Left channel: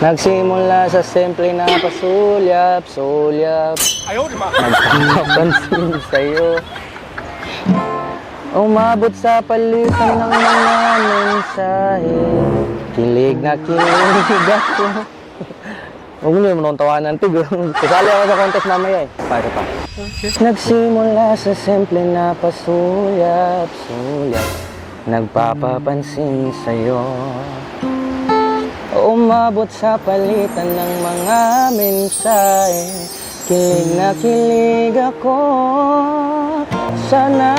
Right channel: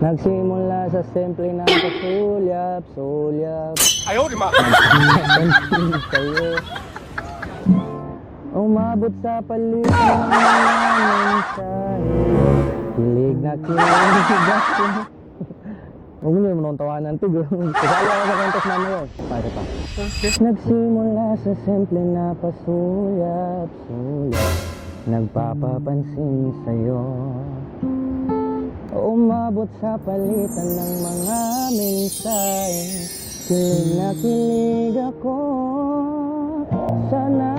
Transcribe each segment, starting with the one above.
Nagsimula sa simple na pasulyap-sulyap, Ayaw, di ma. nagpapansin sa'yo. Umabot sa palitan ng mga mensahe, kilig na kilig ako. Huwag niyo mo nung tawanan, Tig. Kasali ako sa contest mamaya eh. Para pa. Okay. Nagsimula sa simple na pasulyap-sulyap, nagpapapansin sa'yo. Umabot sa palitan ng mga mensahe, kilig na kilig ako. Sana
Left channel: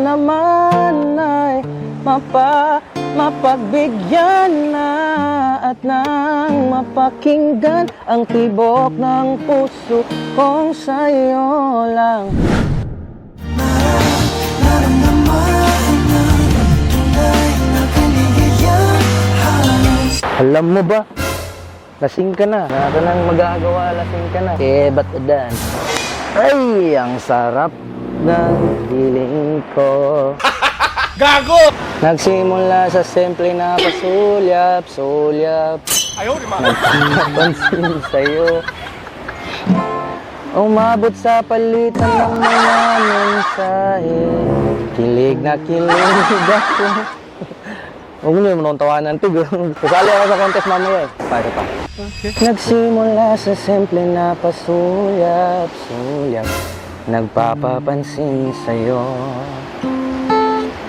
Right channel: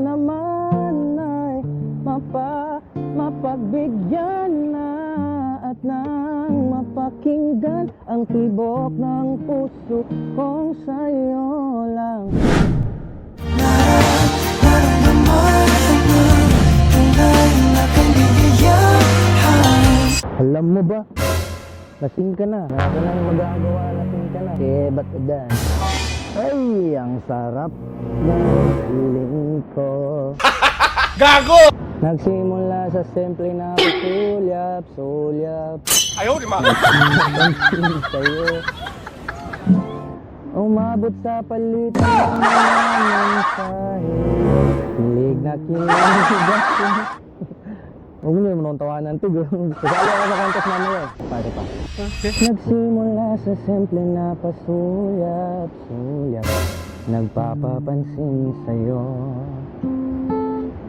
naman ay mapagbigyan na at nang mapakinggan ang tibok ng puso kong sa'yo lang. Alam mo ba? Lasing ka na. Wala ka nang magagawa, lasing ka na. Eh, ba't udan? Ay, ang sarap ng feeling ko. Gago! Nagsimula sa simple na pasulyap-sulyap, Ayaw, di ma. nagpapansin sa'yo. Umabot sa palitan ng mga mensahe, kilig na kilig ako. Huwag niyo mo nung tawanan, Tig. Kasali ako sa contest mamaya eh. Para pa. Okay. Nagsimula sa simple na pasulyap-sulyap, nagpapapansin sa'yo.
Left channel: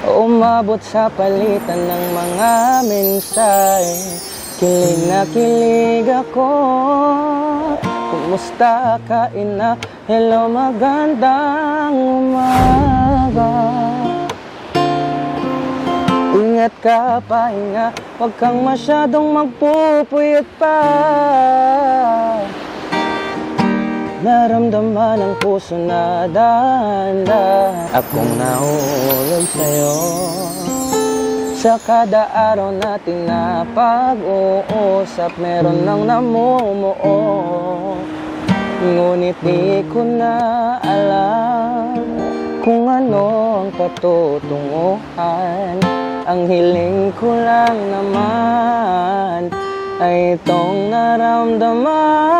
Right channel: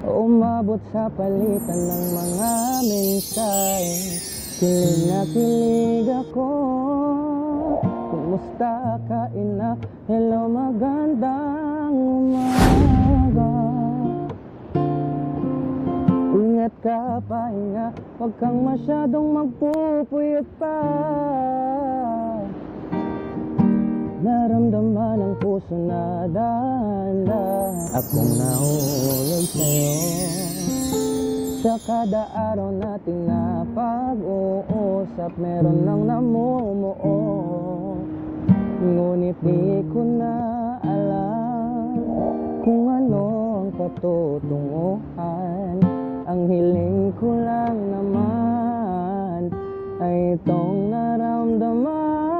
Umabot sa palitan ng mga mensahe, kilig na kilig ako. Kumusta ka, ina? Hello, magandang umaga. Ingat ka, pahinga, huwag kang masyadong magpupuyat pa. Naramdaman ang puso na dahan-dahan akong nahulog sa'yo. Sa kada araw natin na pag-uusap, meron nang namumuo. Ngunit di ko na alam kung ano ang patutunguhan. Ang hiling ko lang naman ay itong naramdaman.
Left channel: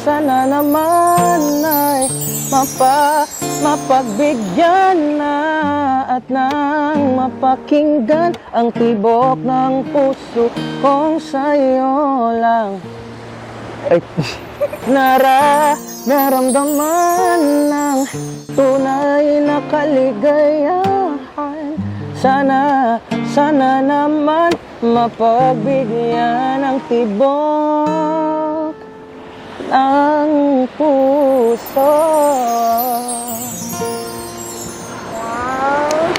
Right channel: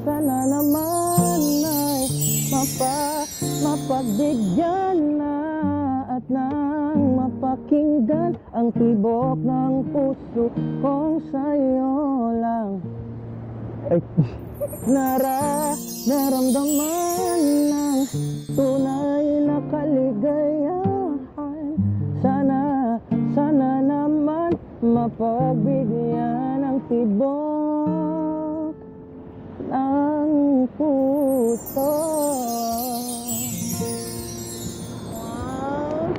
Sana naman ay mapagbigyan na at nang mapakinggan ang tibok ng puso kong sa'yo lang. Ay, naramdaman ng tunay na kaligayahan. Sana naman mapagbigyan ng tibok ng puso. Wow.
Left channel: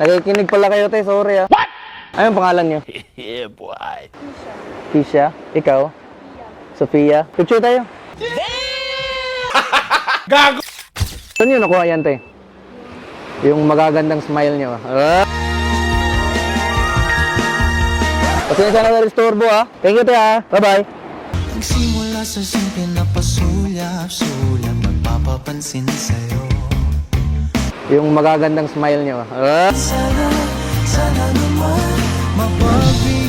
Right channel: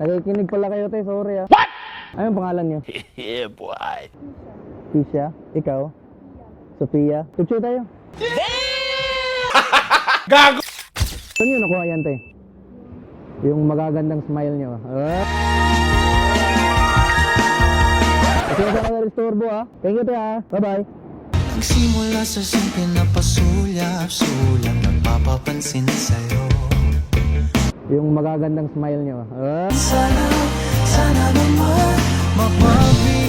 Nakikinig pala kayo, te. Sorry ah. What? Anong pangalan niyo? Yeah, boy. Tisha? Ikaw? Sofia? Picture tayo. Gago! Saan nyo nakuha yan, te? Yung magagandang smile nyo. Kasi sana na-restorbo, ha? Thank you, te, ha? Bye-bye. Nagsimula sa simple na pasulyap-sulyap, nagpapapansin sa'yo. Yung magagandang smile nyo. Sana naman mapagbigyan